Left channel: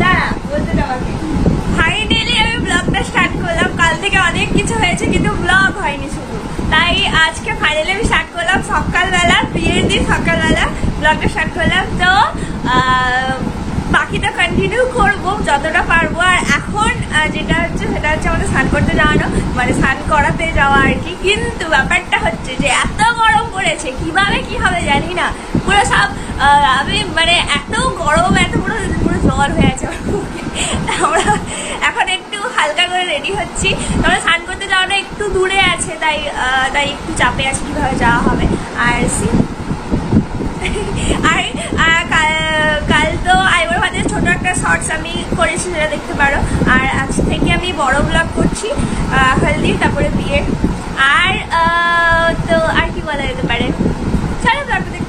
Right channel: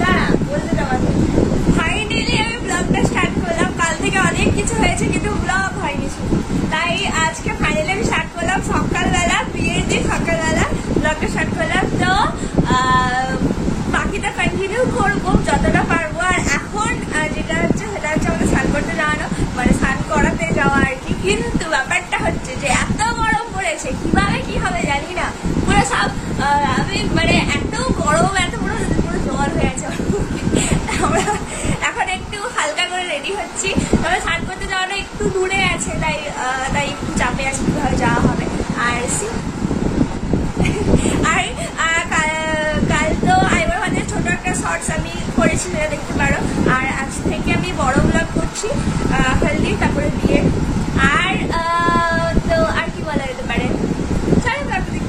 দাঁড়া বলতে যাওয়াকে ফাইনালি আমি ব্লগটা স্টার্ট করলাম। কাল থেকে অনেক কিছু হয়েছে কিন্তু ব্লগ হয়নি শুধু, তাই আজকে ফাইনালি আমি স্টার্ট করলাম সকালবেলা, বিয়ের দিন সকালবেলা ব্লগটা স্টার্ট করলাম। তো বাকিটা কন্টিনিউ করবো যতটা পারবো। আর এখন যেটা হচ্ছে সেটা হচ্ছে আমাদের স্নান করতে যাওয়ানো, মানে স্নান করাতে যাওয়া আর কি। কিন্তু ব্যাপারটা হচ্ছে যে এত গরম পড়েছে, কিভাবে কি হবে জানি না, পুরো সব আমি মানে এত গরম, এত পুরো জ্বর হয়ে আছে। আমরা এখন একটু হালকা করে রেডি হচ্ছি। তবে স্নান করতে যাওয়ানো একটু দূরে আছে, তাই একটু চাপে আছে কিভাবে যাওয়া হবে। আর আর কাল তো আইবর ভাতের ছোট একটা শর্টস আমি করেছি, সেটা দেখতে পারো। আর আজ থেকে আমি বড় ব্লগ করছি হলদির, তারপরে বিয়ের। আর তো আর কি বলা যেতে পারে, চলো ব্লগটা দেখতে।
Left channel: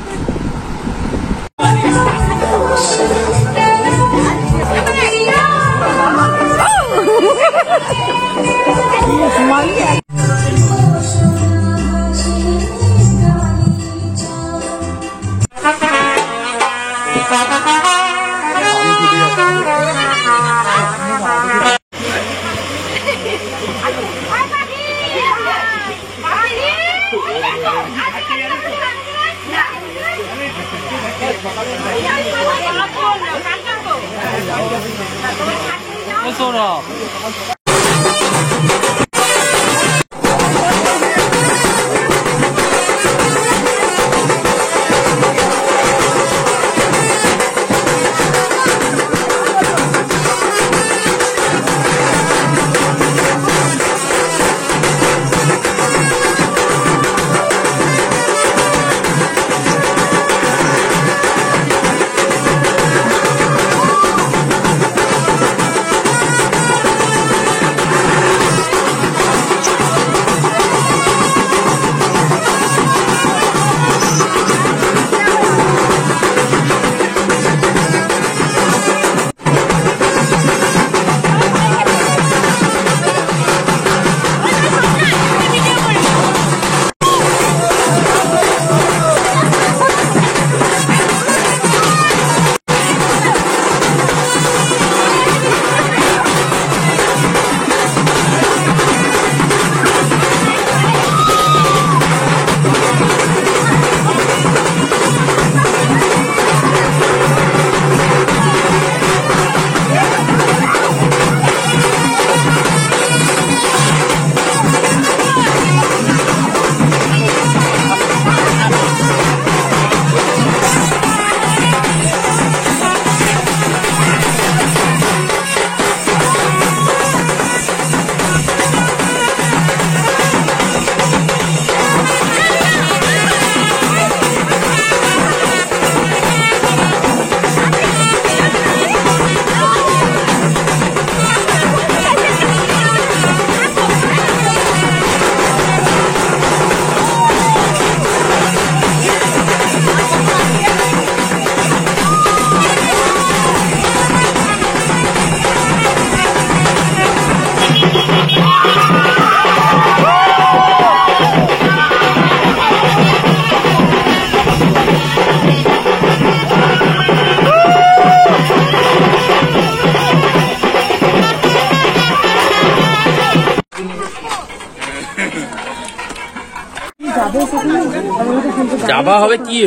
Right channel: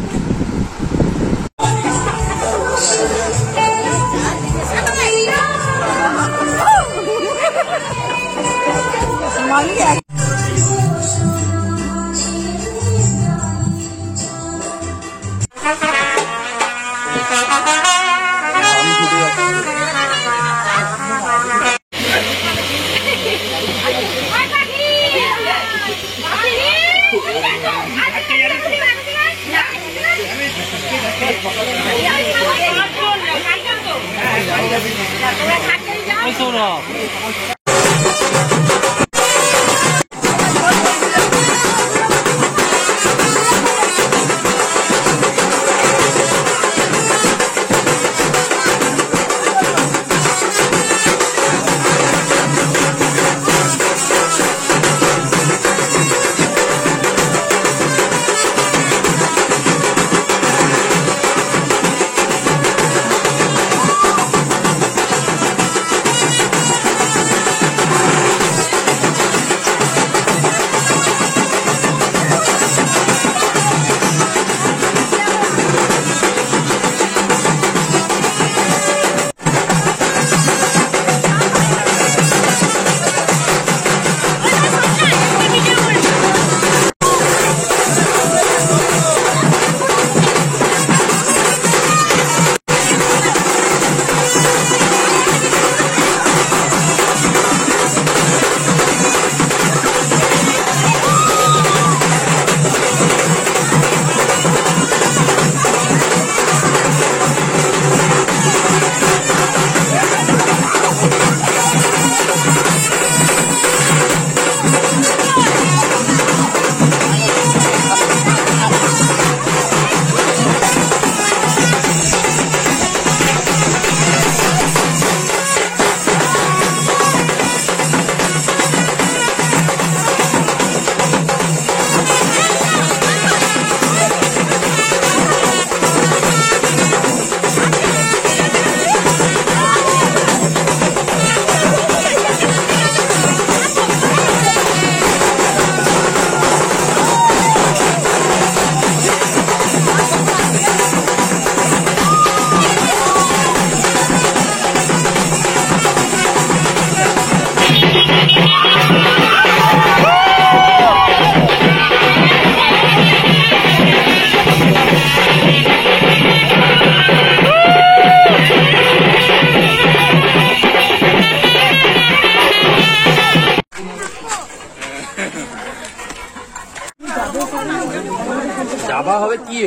যাবা হবে কি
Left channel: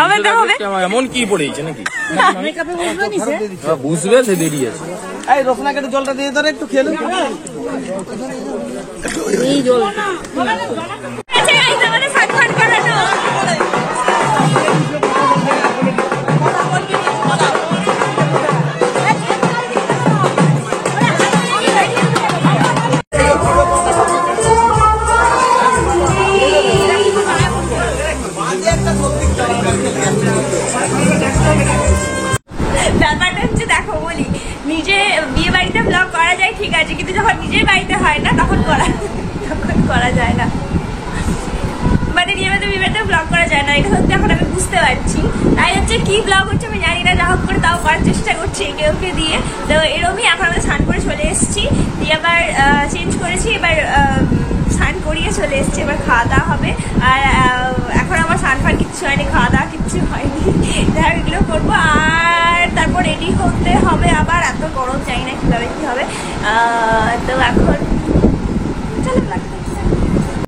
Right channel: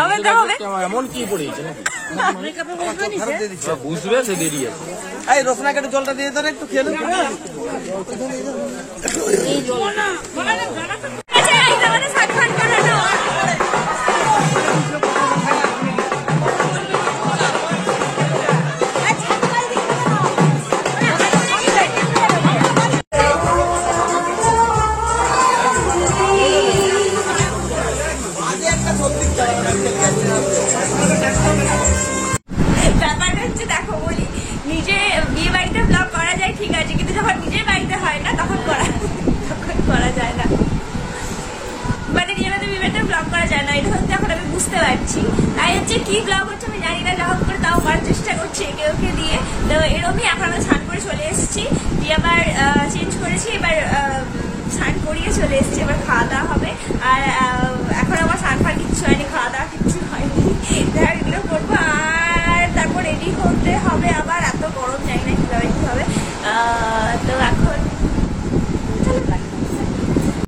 হবে তো হবে, এমন কি পড়েছে নাকি বুঝবে সে দেরি আছে। এই রসনাকে একটু জলটা দিয়ে ধরে একটু খেলে এই জল ব্যাপারটা হচ্ছে দেখো বলি, নিজে বিয়ে বাড়িতে ব্লগ করা যায় ঠিক আছে, কিন্তু যখন নিজের বাড়িতে হয় না তখন করা যায় না, মানে নিয়মিত বিয়ে বাড়িতে ব্লগ করা যায় না। এটা হচ্ছে এখন আমি বুঝতে পারছি। তাই হচ্ছে কি ব্লগ হচ্ছে আমি জানি না, যা হোক করে তাও করার চেষ্টা করছি একে ওকে দিয়ে। তো এরকমই এখন আমরা স্নান করে চলে এসেছি, দিয়ে আবার চেঞ্জ করেছি, এবার স্নান করিয়ে চলে এসছে, এবার খাওয়া দাওয়া হবে। আর এখন আমার স্নান ফান কিচ্ছু হয়নি, খাওয়া দাওয়া কিচ্ছু হয়নি, যাই হোক এগুলো করবো। আর তারপর রেডি হতে হবে আবার, এত গরম জানি না কিভাবে কি হবে। তো এখন